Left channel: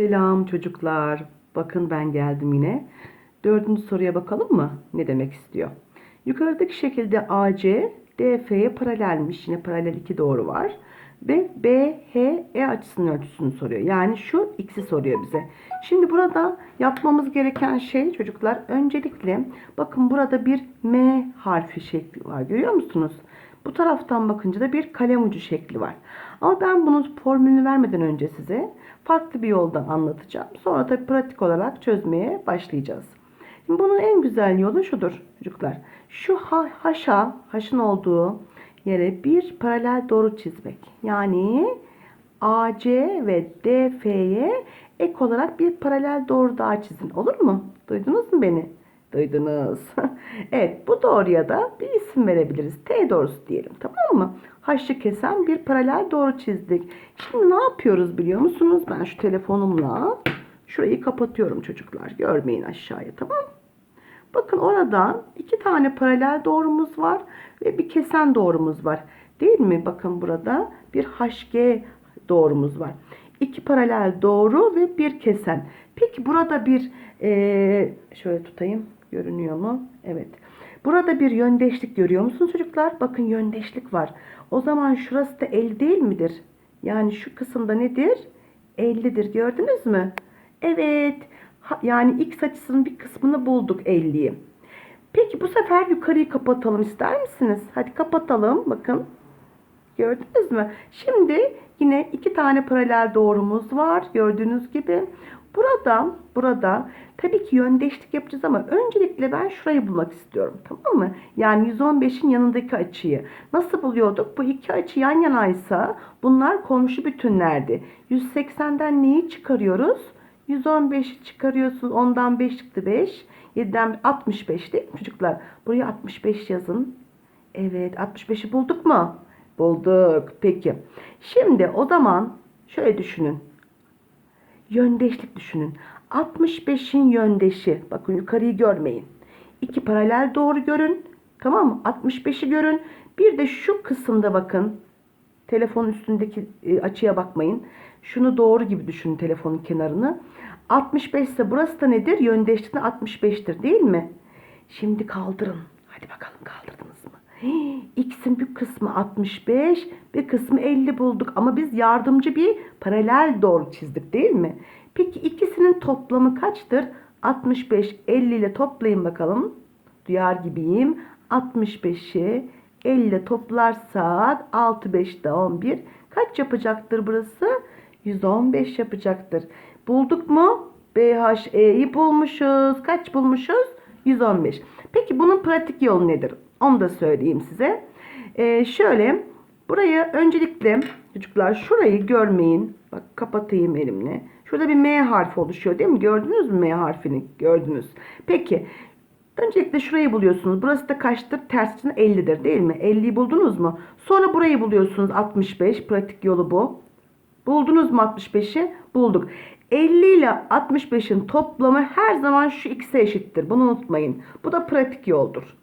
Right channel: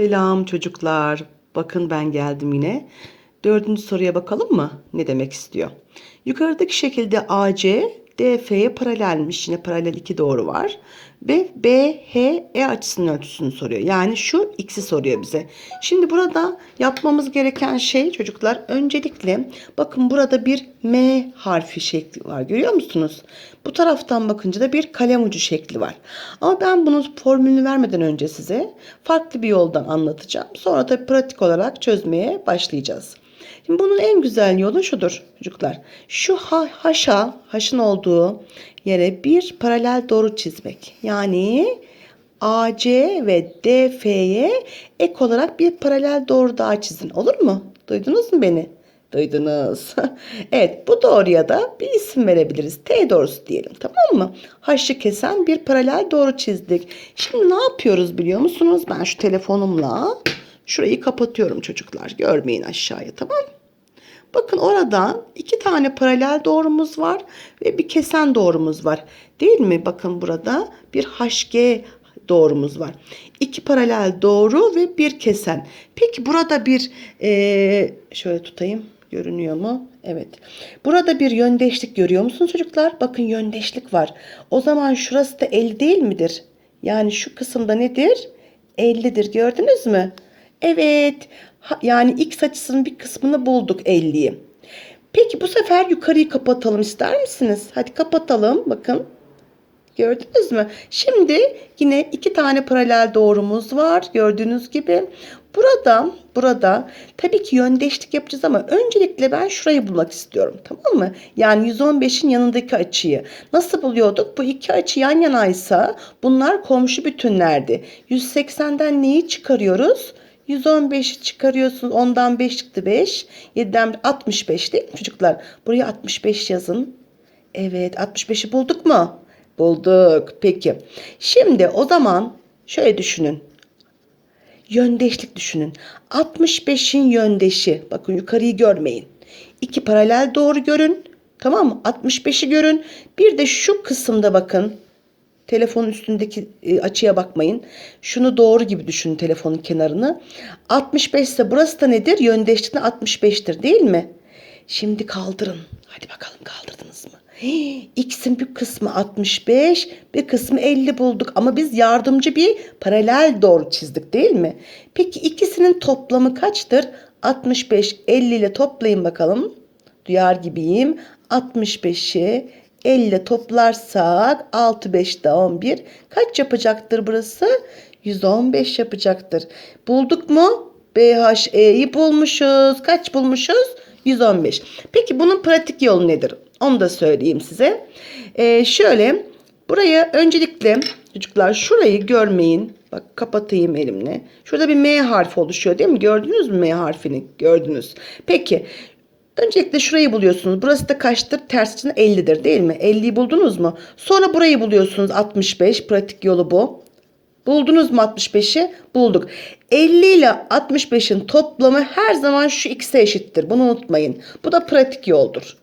Selam çocuklar. Bakın ben geldim yine. Dördüncü soruya bakalım mı? Ne demek istiyor? Yukarıdaki şekilde AC DF'ye paralelmiş. Yine paralel iki doğru var. Ve BHE açısının ölçüsünü soruyor. Yani şu x'i soruyor bize. Şimdi burada yapmamız gereken şey çocuklar öncelikle bakın burada bir M harfi şekli var. Görüyor musunuz? Bu taraftan bakınca da bir kalem ucu şekli var. Ama ben bunun formülünü vermeden önce size farklı bir yoldan anlatacağım. Sonra da pratik olarak çözmeye başlayacağız. Şimdi bunun en güzel yolu şudur çocuklar. Şu ha, haşa, haşın olduğu yere bir paralel doğru çizmek. Yani AC ve DF'ye ek olarak bir paralel doğru daha çizin. Olur mu? Duydunuz mu beni? Duydunuz. evet bu doğruya da bir isim verebiliriz. T doğrusu diyelim tamam mı? Haşı kesen bir paralel doğru çizdik. Şimdi ne yapıyoruz biliyor musunuz? Ben şu telefonumla şurayı kapatıyorum çocuklar. Görmeyin aşağıya tamam mı? Bakın oradan iki tane paralel doğrumuz var ve bir kesen doğrumuz var. Değil mi? Bakın burada bir HG doğrumuz var. İki paralel doğru ve bir kesen. Peki burada bir eee, şöyle tutayım. Görünüyor mu? Evet. Burada bir yöndeşlik görüyor musunuz çocuklar? Bakın yöndeşlik var. O zaman şurası da 50 değil midir? Yani şu kısımda nedir? 50'dir. Gördünüz mü? Evet. Yani x açısının bir kısmını bulduk 50'yi. Peki bu sefer yukarıyı kapatalım ister misiniz? Hadi kapatalım. Bakın. Gördünüz mü? Şimdi yine iki tane paralel doğrumuz var. Gördüğünüz gibi. Burada, burada tabii ki yöndeşlik yapacağız ama öncelikle ben şurayı bulmak istiyorum. Tamam mı? Yani 115'in yanındaki açıyı. Nasıl buluyorduk? Bu iki açı yan yanaysa bunlar komşu bütünlerdi. 180'den neyi çıkarıyoruz? 115'i çıkarıyorsunuz. Ondan 5 çıktı 5. 7'den 65 değil mi çocuklar? Buraya 65 yazın. Evet 65'i bulduk mu? Bulduk. Peki. Şimdi o zaman şöyle düşünün. Yöndeşlik düşünün. 65'in yöndeşi. Bakın yukarıyı görmeyin. İki paralel doğru görün. Tamam mı? 65'i görün. Bir de şu kısımda bakın. Telefonun üstündeki e, açıya bakmayın. Şunu doğru gibi düşünün telefonun kenarını. 65 ise burası da nedir? Yöndeşliğinde 65'tir değil mi? Şimdi kaldırın. Hadi bakalım kaldırdınız mı? Hii, X'in bir kısmı 65, bir kısmı 50 bulduk. Ama biz yardımcı bir paralel doğru çizdik değil mi? Peki ikisinin toplamı kaçtır? 65, 50 ile toplayın bakalım. Duyar gibiyim. 65'i 50 ile toplarsak 6, 5 daha 11. Kaç yapacaktır burası? 115 yapacaktır. Bulduk mu? BHE'yi bulmuşuz. Kaç bulmuşuz? 115. Peki bunun pratik yolu nedir? Onu da söyleyeyim size. Ee, şöyle buraya öncelikle çocuklar şurayı görmeyin. Bak kapatayım elimle. Şurada bir M harfi oluşuyor değil mi? Gördünüz mü M harfini? Gördünüz. Peki Öncelikle şurayı buluyorsunuz. Burası da kaçtır? Ters için 50'dir değil mi? 50'yi buldunuz mu? Sonra burayı buluyorsunuz 65. Pratik yolu bu. Buldunuz mu 65'i? Bulduk. 50 ile 65'in toplamı her zaman şu x'e eşittir. Bunu unutmayın. Bu da pratik yoldur.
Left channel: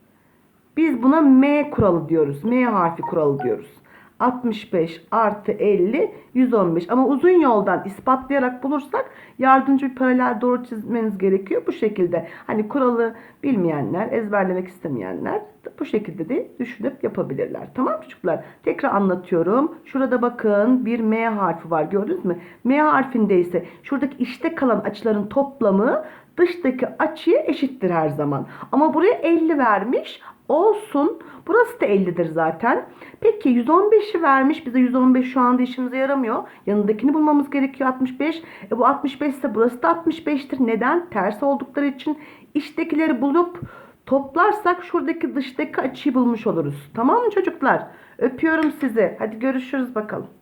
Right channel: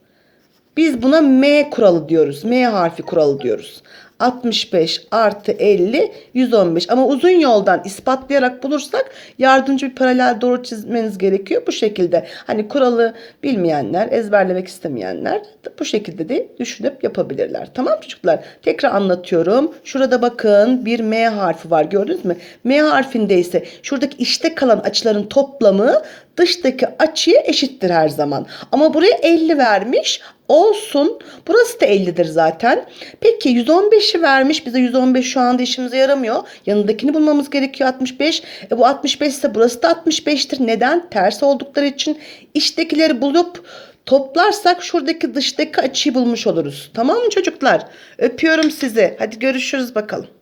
Biz buna M kuralı diyoruz. M harfi kuralı diyoruz. 65 artı 50 115 ama uzun yoldan ispatlayarak bulursak yardımcı bir paralel doğru çizmeniz gerekiyor bu şekilde. Hani kuralı bilmeyenler ezberlemek istemeyenler bu şekilde de düşünüp yapabilirler. Tamam çocuklar tekrar anlatıyorum. Şurada bakın bir M harfi var gördünüz mü? M harfinde ise şuradaki işte kalan açıların toplamı dıştaki açıya eşittir her zaman. Ama buraya 50 vermiş. Olsun. Burası da 50'dir zaten. Peki 115'i vermiş. Bize 115 şu anda işimize yaramıyor. Yanındakini bulmamız gerekiyor 65. E bu 65 ise burası da 65'tir. Neden? Ters oldukları için içtekileri bulup toplarsak şuradaki dıştaki açıyı bulmuş oluruz. Tamam mı çocuklar? Öpüyorum sizi. Hadi görüşürüz bakalım.